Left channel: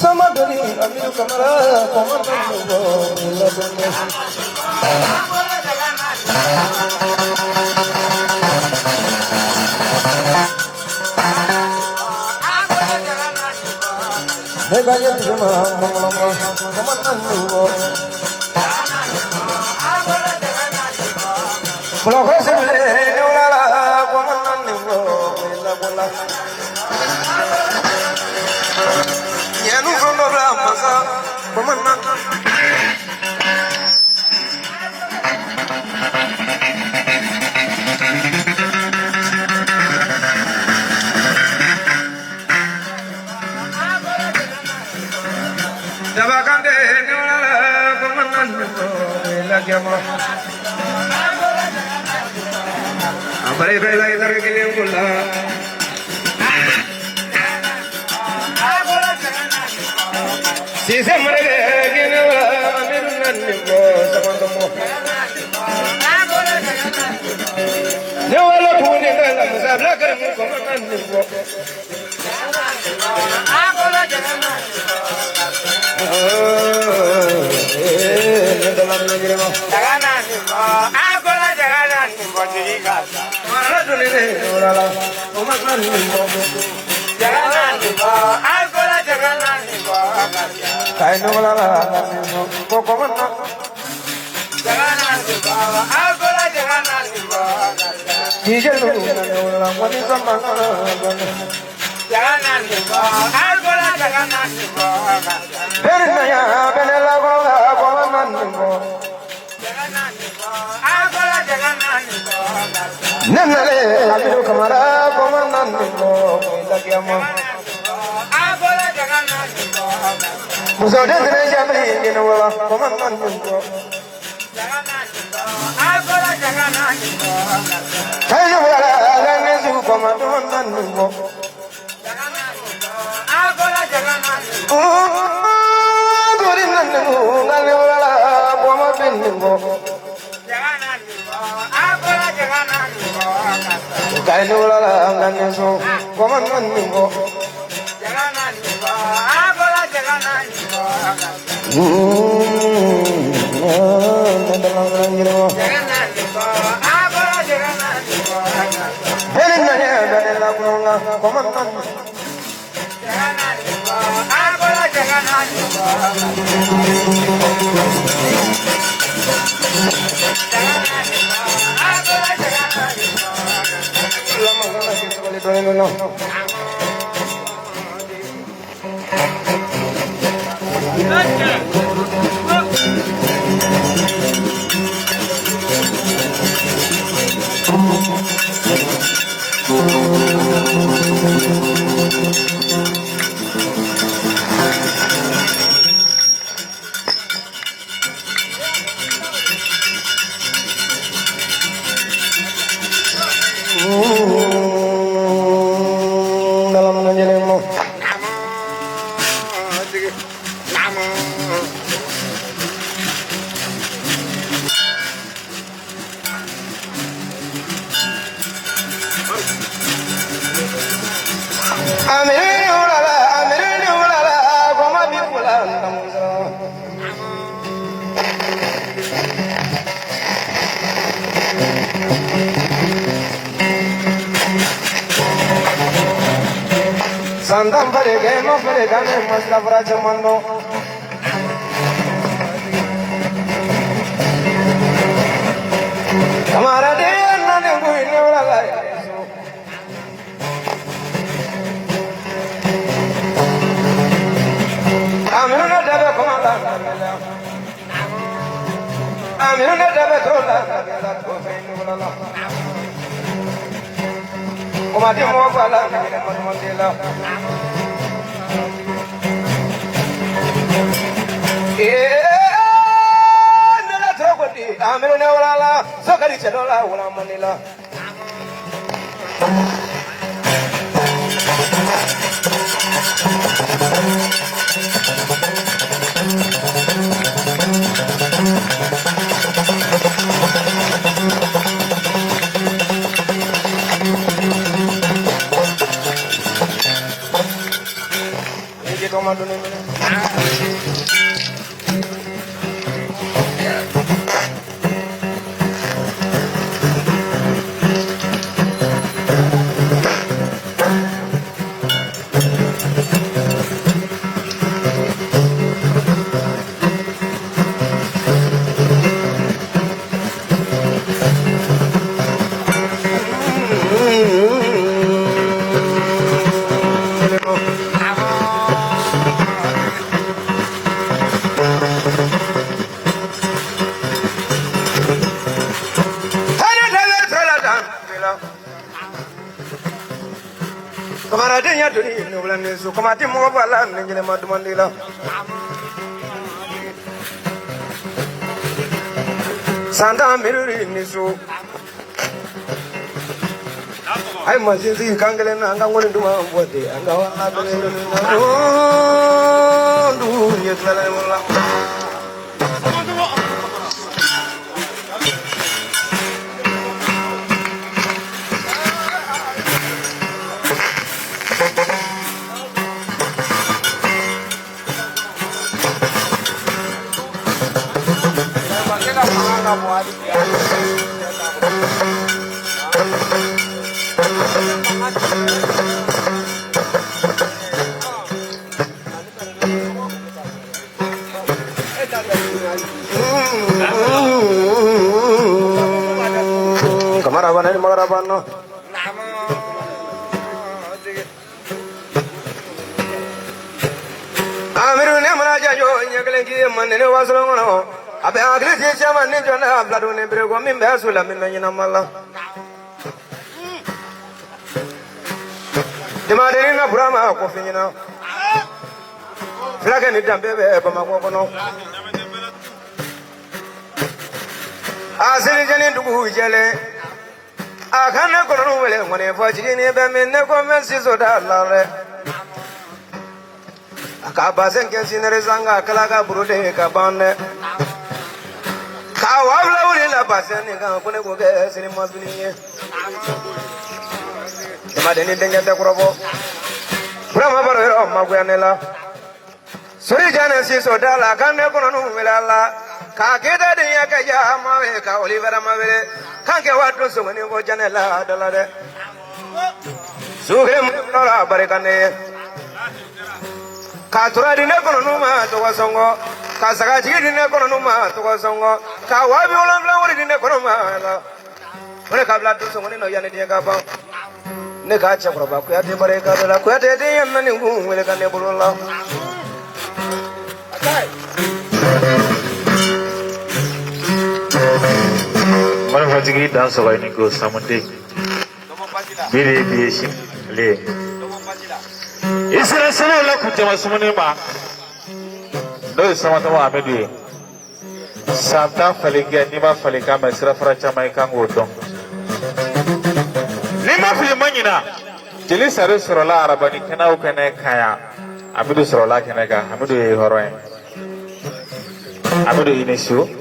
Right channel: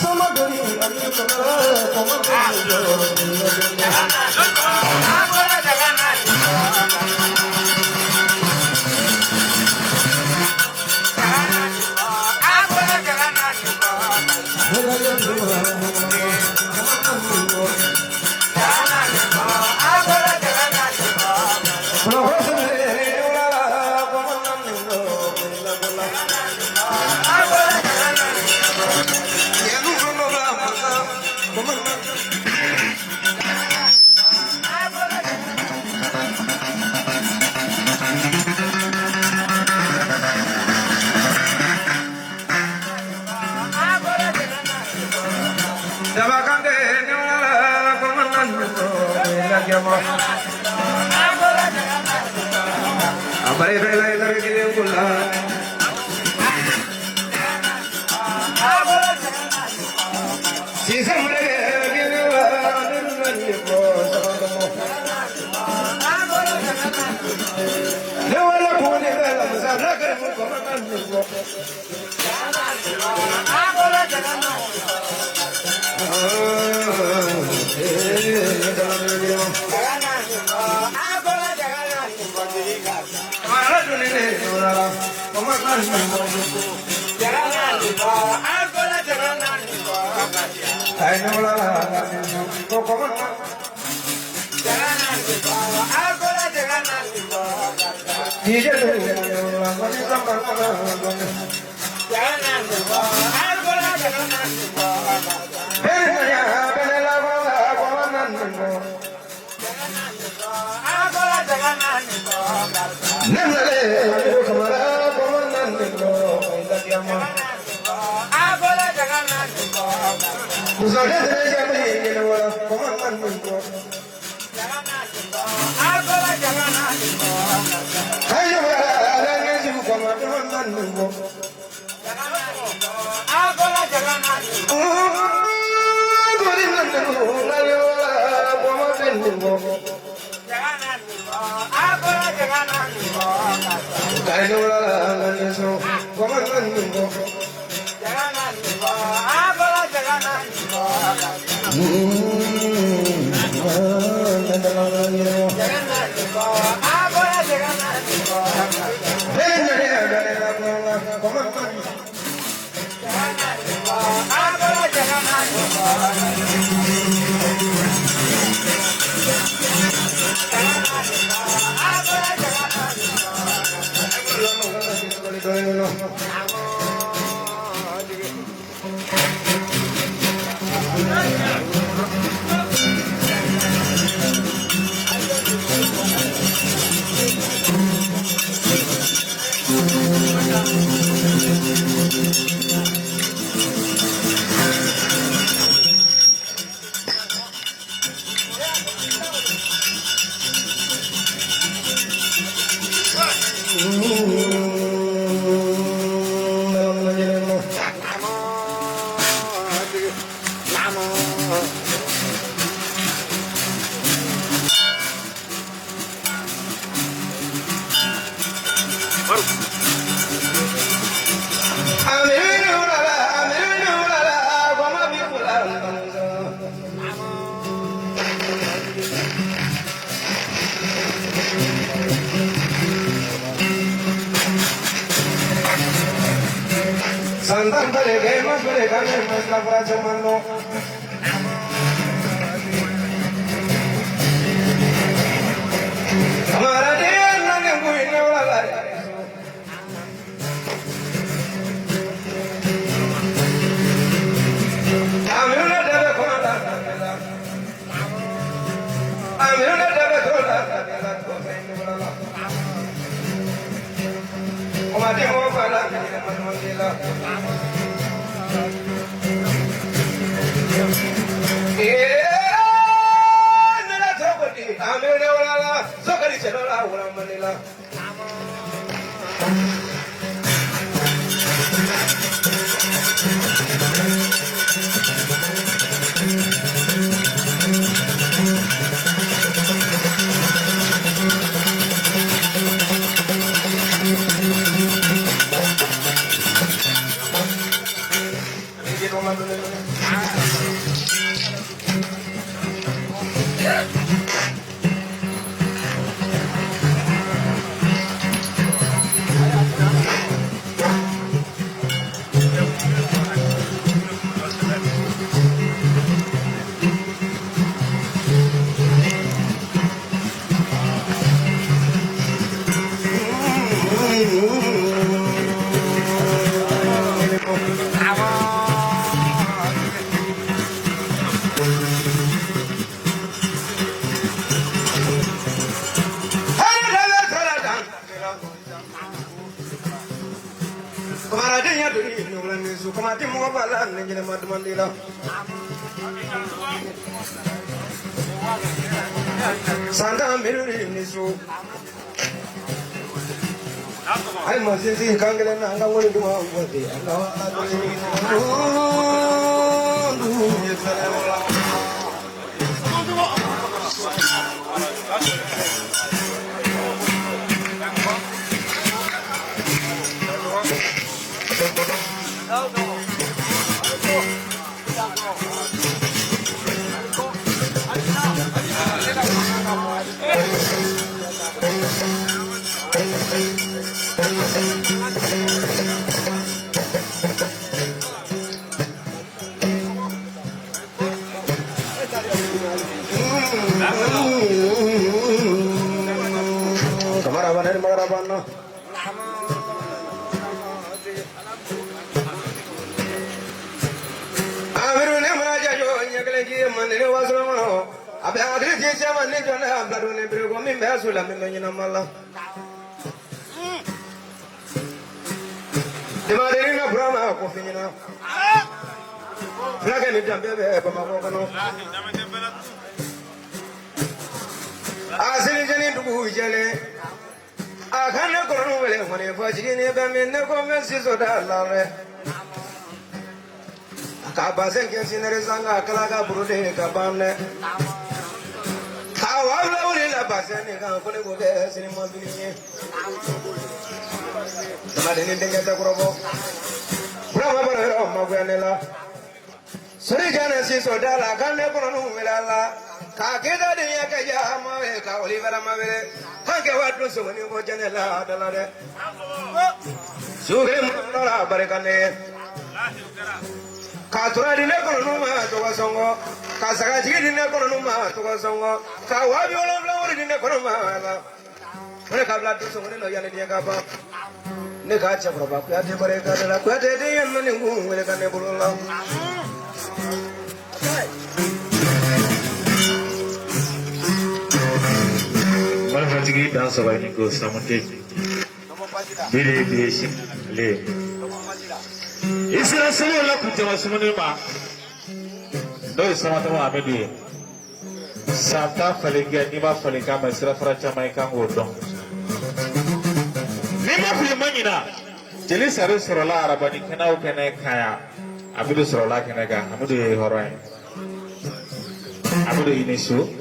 Samadhi, Adi Kamara, Abare kai lai tar ke liye bola. Sise mare ke liye amin nani bo sabandamo. Jawala pune kala musabla kar mu ko nani bo. Abola jagana. Jagana ni bo. Abola jagana ni bo jiriga. Nandale, Abu Kamara, Boman, Lagiamo. Abola Jagana, Musade, Jamie, you know, Boman, Abola Jagana, I know, Abola Jagana, Sandam parege ma parega me masla para chamando. Hamara dil na ne bui no la la. Amuna daba kona la. Amuna daba kona la. Omati mo bala mandela. Nana thokoti amene wala sokari chedola wala manila. Santa Mary Nisu. I must see Kangalan and I want to do what they are now. Marabano. Amiru Namaraja, Yakalaki, Manila was wrong. About this, I'm a nigga, blood on every woman, Basula, Minamala. The Marina Brahma, Cofina. Flag and it, baby, Pamamono. I said, I to Jelle. I can't go away when I'm watching it, but never mentions of that love. A cabasan can see the Zanga, Kalaga, Brude, Cabane. How I love it, Basan, and I'm going to go there, and it must be here. The Madeleine at the Grobo. Bravo, Maguanella. Sorry, Genesis or Dalla, can't never know Villa. Kakeda de Yakaya, Maveka, Oliver Mavere, Kanka, what was when you go Janella, Dalade. Suhim, Baricane. Katura di Nekonoma to Wasongo, Kasagaji di Nekonoma to Wasongo, Kawabi Ola di Nekonoma. When I have blood to someone in the Yanaka, Nekacha, Kuati Bareka, Kuati, and many who will come Nebula. Manufacturing dance of any gross Samante. Variation lay. Is there a son like Kutamasonima? No, Samatama Amedu. Santa Faliga, Nima Falicam, and Serafracha, my Kango. Lima Filimania. Jelisa Sorola, Rabani, Kanao Kanaka, Abudu Sorola Kanaka, Abudu Horan. Abudu Inesu.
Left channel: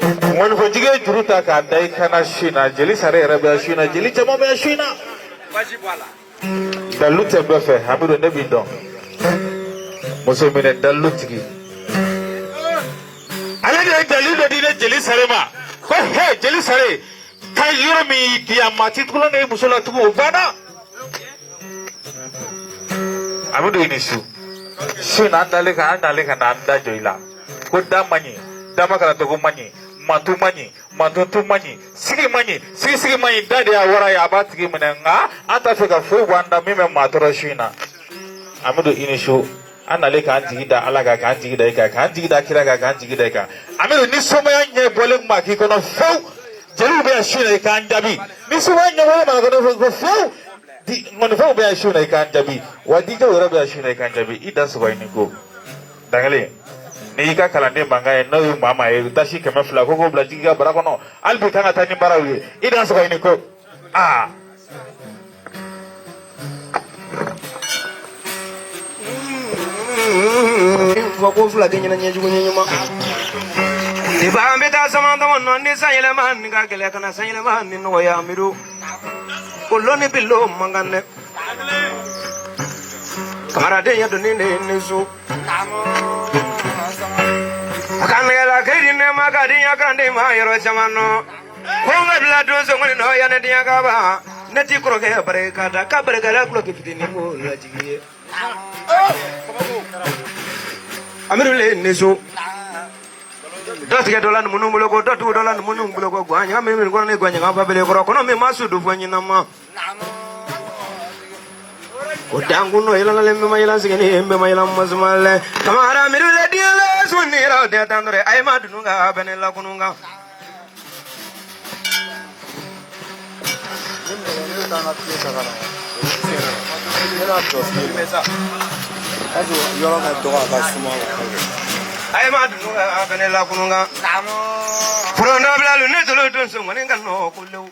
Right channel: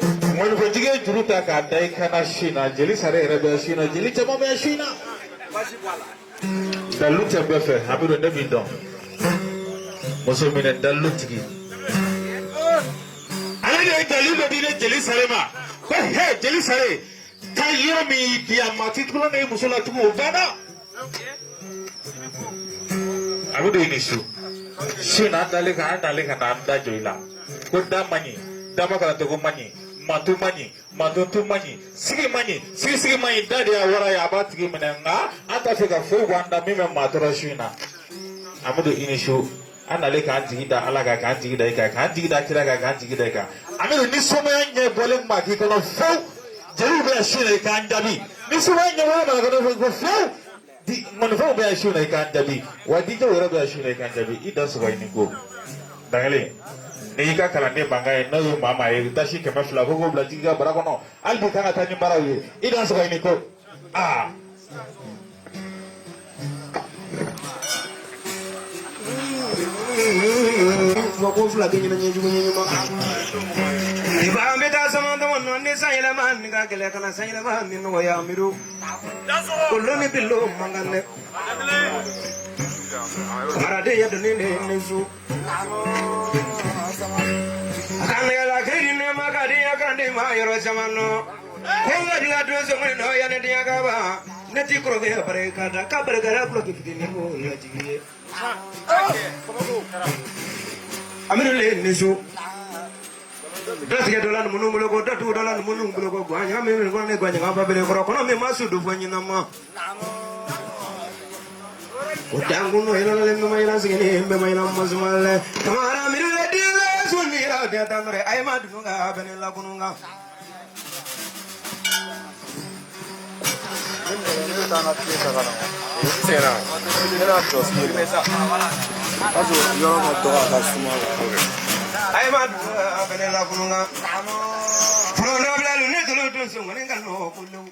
When we get to Rutaka, they can ashina, Jelisare, Rabashina, Jelitama Bashina. The loot of Buffet, Habu and Nebido. Musumin, the Lutki. I don't deliver Jelisarema. Oh, hey, Jelisare. Can you me, Kiamatikulan, Musula to Ubana? I would do an issue. Soon, Andalika, Andalika, and Anda Joila. Put that money, Damaka to money. Matu money, Matu money, Sigi money, Sigi money, Daddy, what I about Gimenanga, Atafika, full one, the Mima Maturashina. Amudu Inishu, Analeka Antida, Alaga Antideka, Antida Kiraga, Antideka. Amu Nisoma, Bolek Makikon Fo, Jerubia Shina Kandabi. Nisuma, woman, go Fo, the Monofobia Shuna Kandabi. What did you Rabia Shina Kandabi? It does why Nico. Dangale. Nika Kalande Banga, no Mama, Dashi Kamafla, Hogo, Blatiga, Baragono, Albutana Tani Barawi, it does why Nico. Ah. If I'm better, some other one on this Island, Gagalakana Sailman in Noyamiru. Uloni below Mangane. Camarade ya doni ne so. Akanela kiri ne magadi ya grande ma yoro jamano. Konga bila dozo ngoni no ya ne dia gaba. Neti kroge bareka da kabre gara kroge fitini mo la jiye. Amirule ne so. Dosike dolan munu mulo ko datu dolan munu mulo ko gwanya mi ko ne gwanya ngaba bele ko kono mi masu du fanya nama. Utangu no ila le me ila sigene me ila mazmale kamara mirule diele sunira de tandre ay ma dununga benela kununga ay ma dununga benela kununga purona blalu ne tolo ton sungani ngano kullu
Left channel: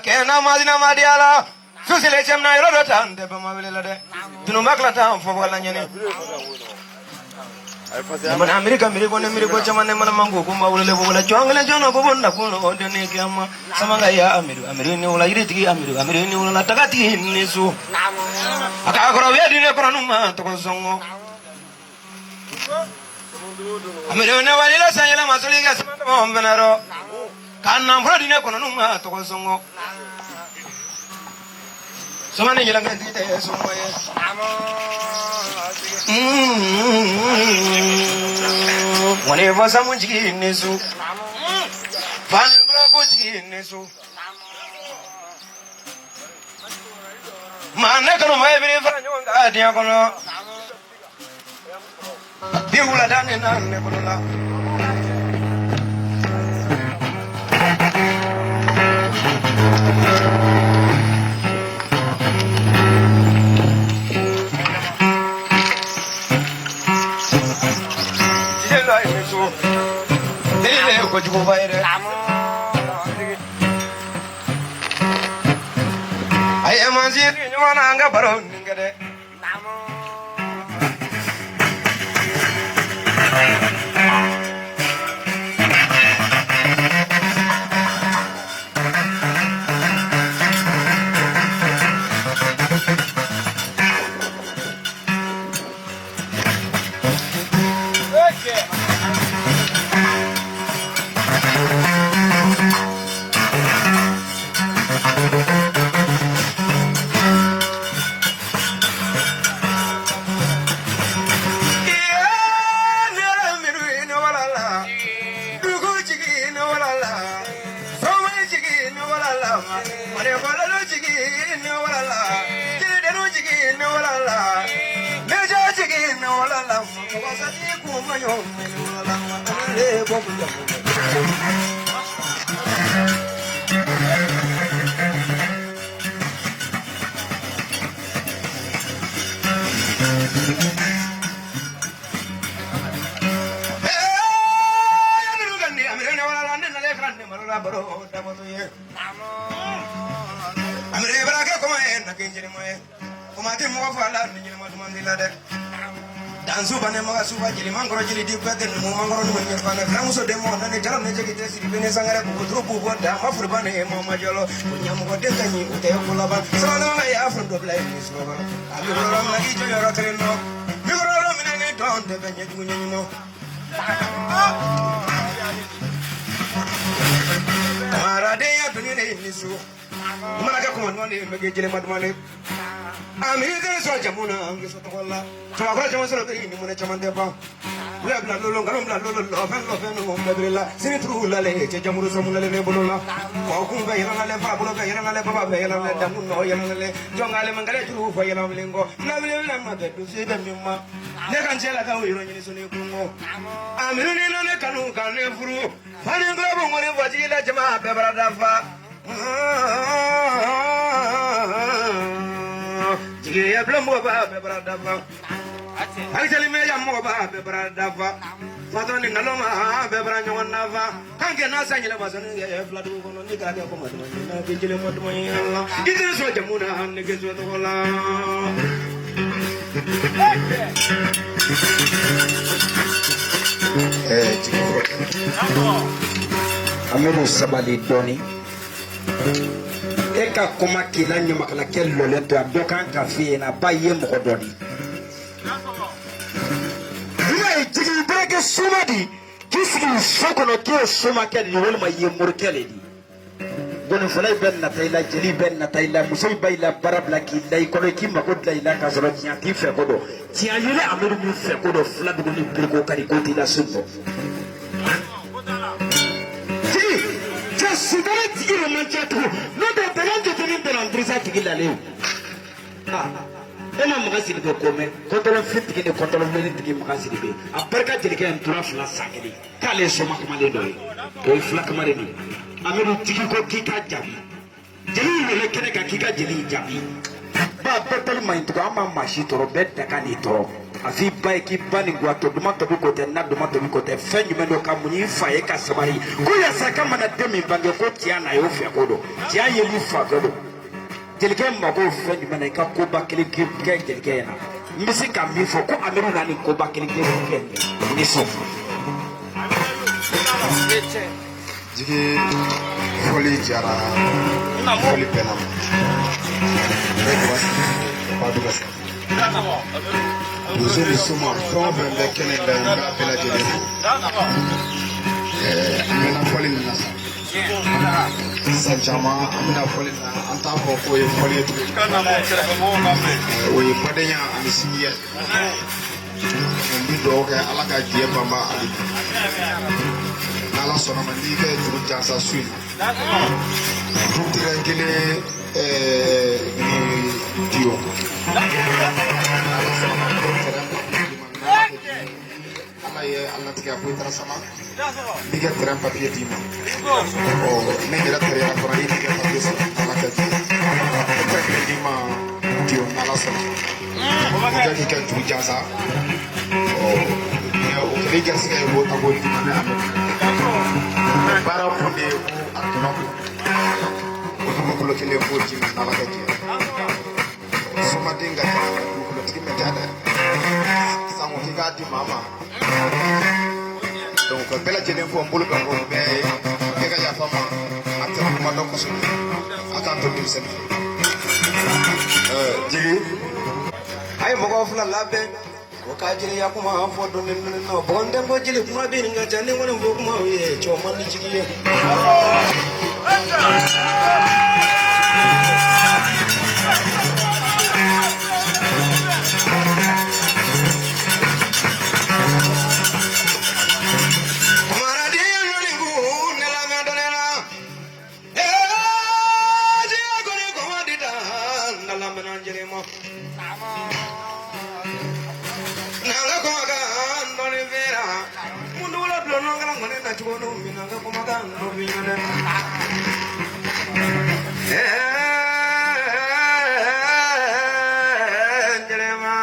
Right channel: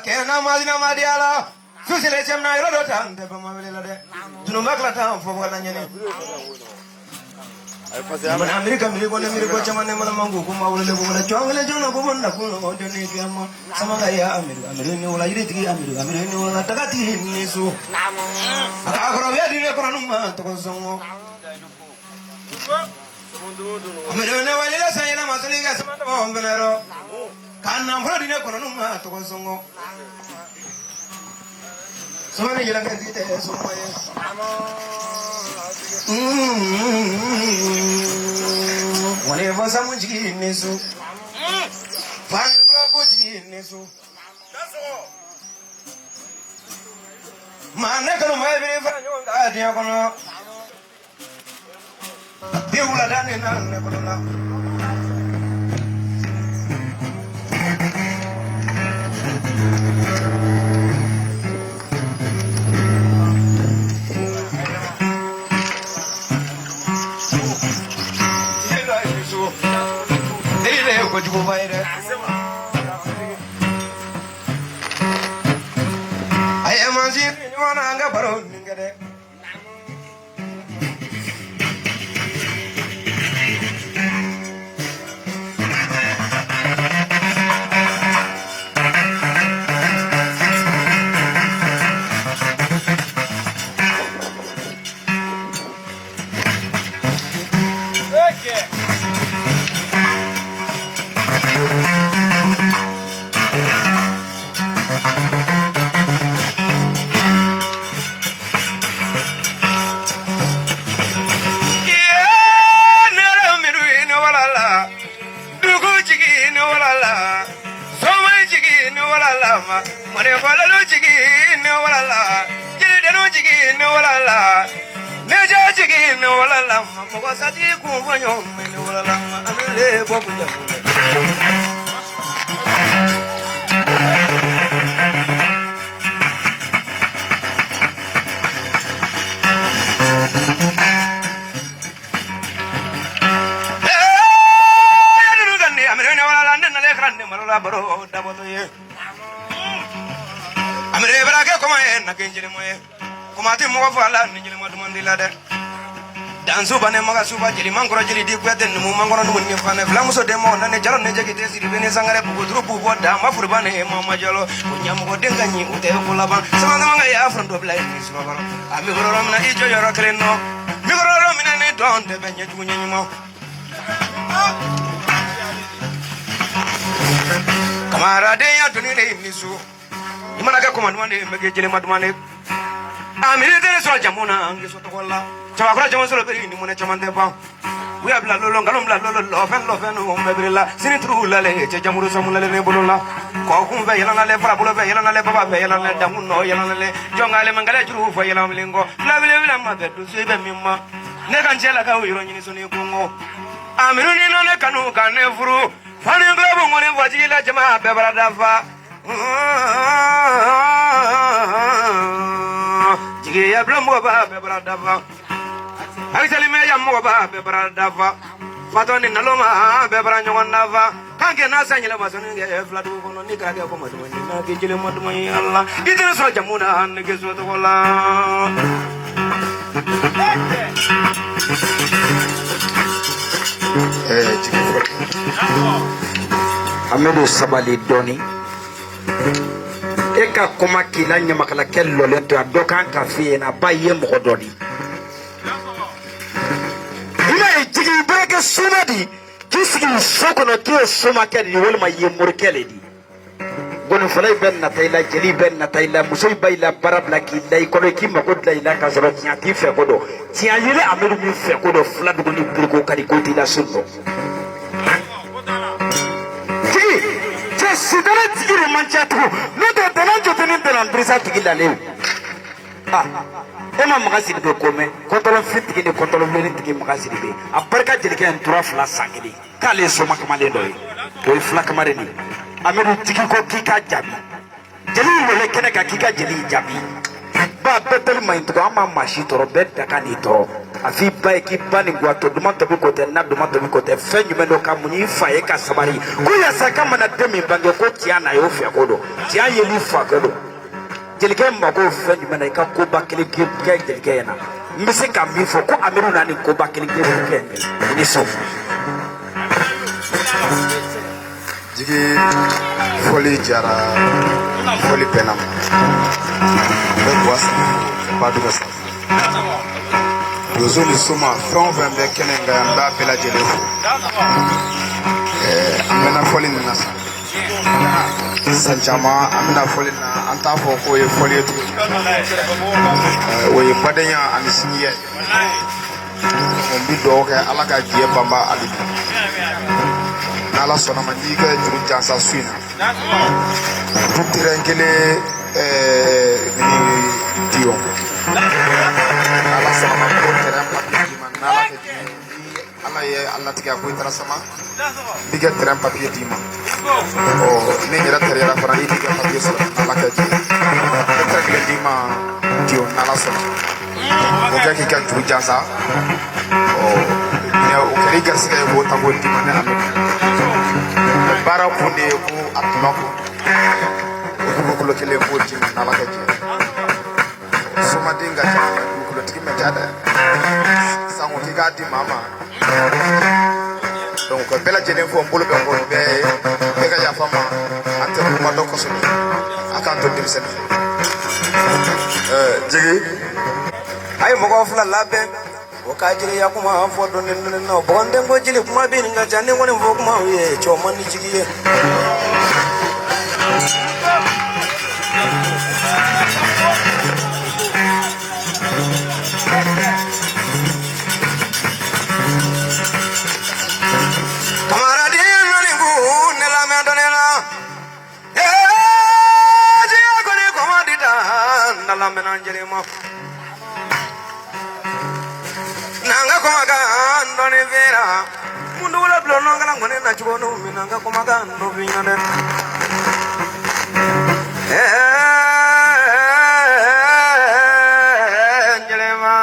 Kena madina madiala susile chemna yoro tande bamabela de tunu makla ta fo wala nyene man amerika miriko ne miriko chamane man mangu ko mawle wala chongle jono ko bonna ko de ne kiyama samanga ya amiru ni wala iriti amiru ni wala takati ni su aka ko ya dine ko numa to ko songo amiru ne wala sayela masuli ga samanda mo benaro kanna fura dine ko numa to ko songo samane jela ga dite songo ye wone vosa munjiki nesu fan globo jiki nesu manne kono mai biri fa nyonga dia kono biula dane nan ne kono la ko jugo fayre ay emanzi ni wana nga baro ngade amre baraka ko en na genjere moye ko mate mo fala ni jere madu mandila de dan suba ne maga suba jiri mangoro jiri di kwete mu mangoro dum ni fane flamu so de mo na ne jalo ne jeki te siri bene sangare ko dro bu ko da ma furba ne mo ma jalo ko nyam ko de ganyi ko te ko laba sama no nga ya front of life is ma abi ro ram na ijo yoro kleno mi ro ro mi ne don de benye ju nyi mo camarade ya tuni ne nisu mana ka ko man ne mege jele madumane amiri de so jamuna ngi so to kolla tawa ko jamon so to ni mun chamande ba we abla lolo ngalom la lolo lo fen o mebrilla sini tru la le je jamuru so mun la ne bolola ko kum be yela le fra bolo be yela le baba be yela le damun no yela le jongale mangale juru fo yela milingo la bile bile ma be du sibe mimma ne kan jela ka wiro ni so ni kungo amiru ni no ne kanu kan ne furu fani nglobo ngoni wajila jama be barada fa jigi ya blambo ba be barada fa Actually, me ya mo ba be bradafa. Fatoni naloma be branyo nafa. Kange na sanyela masoni ye flatu kono ni ka ko madu ni na ke jile madu ni Allah. Kijile so jamuna an ke so to wala. Amadou Sabali Doni eka koma kila nyamakala kello lento adokan kafe na baye mo doni ina jigi breke sunadi kisgi soko no to soma kedi wol ma ye murkele di gon falay ben na tayla jeli ben na tayla musoy bayla barabla ki lay ko ki ma ko layla ka zoro tiati fe ko do ti ayire Amadou mi fe ko do fla do ni burgo kadi ko ti la sunno si dara tigire manchatu no do dalan jotene dalan brisa tigila lew ema magasi de kome kontolo fitigi de kontolo veri tigi magasi de abarka jelike en tura fla sakili kale so makamale do o fla kamare ni Amadou tigi ko kika jabi jeli wala kene ka kika jeli jabi ba betel mai to ama mashi to betta kanito afi bay ki bani gwato duma to ko te na duma to ko te fenyu meno kamuni faye ka sabari ko ya saka mana demi bange ko tiana yo fi akodo tia yeli fa kodo jelike mbago fenyu mena ka ko bakili ki jelike na mbisi ka mi fo ko Amadou na ni ko bakili jelike ni so jigi foli jara foli penam pas de ça Yozo Suma from the Kenenga and Bapela Jelo Amena Foli Minasa Sanjama Amena Foli Anta Foko Foli we Padea and the Senior Dog Alaga Diabamba Alibu Nala Sonamaniga Jasa Swina Tutirangele Dio Ala sama program ala ye Allah tiga ko tara sama diga teram papier dima o ne gira tere la farani diga papier sama ala ka ji papier dima dio nala sama diga ki kan tu jasa o ne o kari garse wo ta wo dima ne bara ko ne ko atuma ko ko ko tele ko dima nala ka ji Soma dinga kulo tiki metada sango kika di mama donc bela jelen fo mbulu be ko be ga ya fama ante ko ma do ko so aka to dim sek jigi ay mogo fula labe o ka jiri ya kuma fo do nen no bonde ngo jili kuma bi nga jani ngone fo kuma ye choma ni jigi ye nanga komaga ndone vera mundula blono ngana ngone na chugono nanga komaga ndo ngane njelema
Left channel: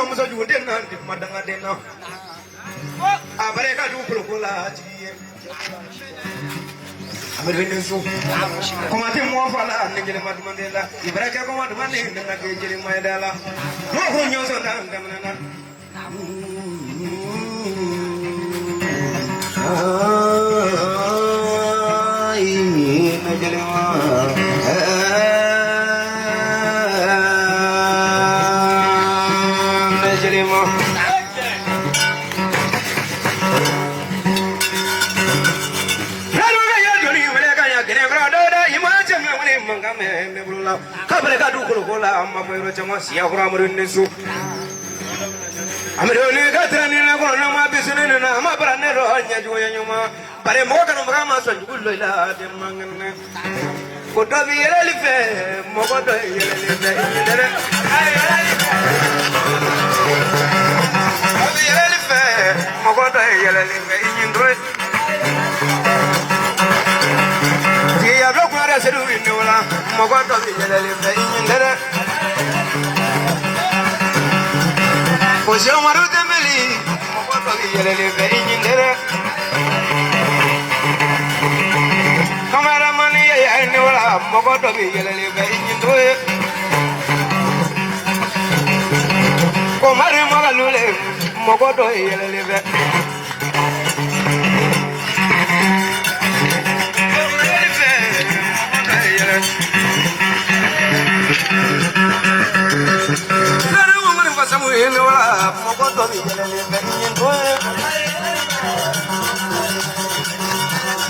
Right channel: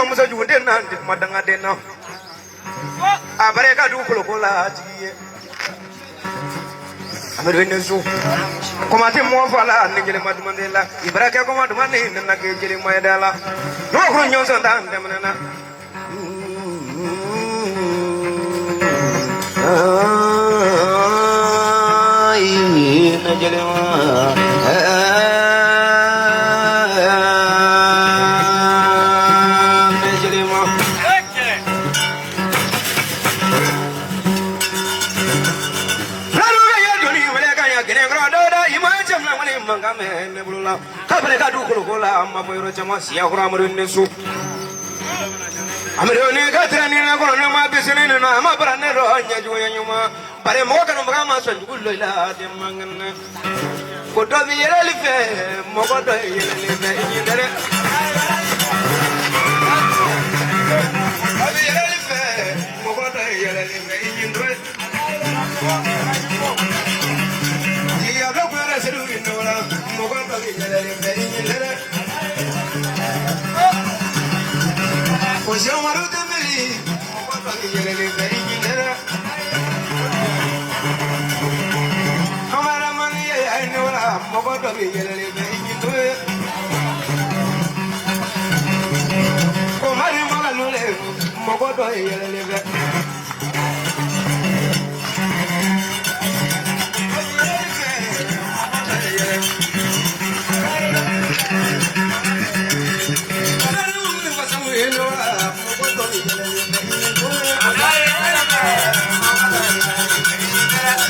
Musa juunde nan di madanga dena abare ka du ko la tiye amir venesu komate mo fala ne jele madumandela ibraka ko madumane na ke jele maydala do ko nyonso dan demana ai ne jele kabare ka du ko la ma boyro chama siya hura murin nesu Amironi Katrani Nagona Bisin and Amabrano, Yajuama, but a more than a Mama son, Gula, the Mangan. Could not be elephant, Mogodo,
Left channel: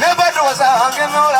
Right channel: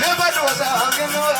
Never was a hungry no,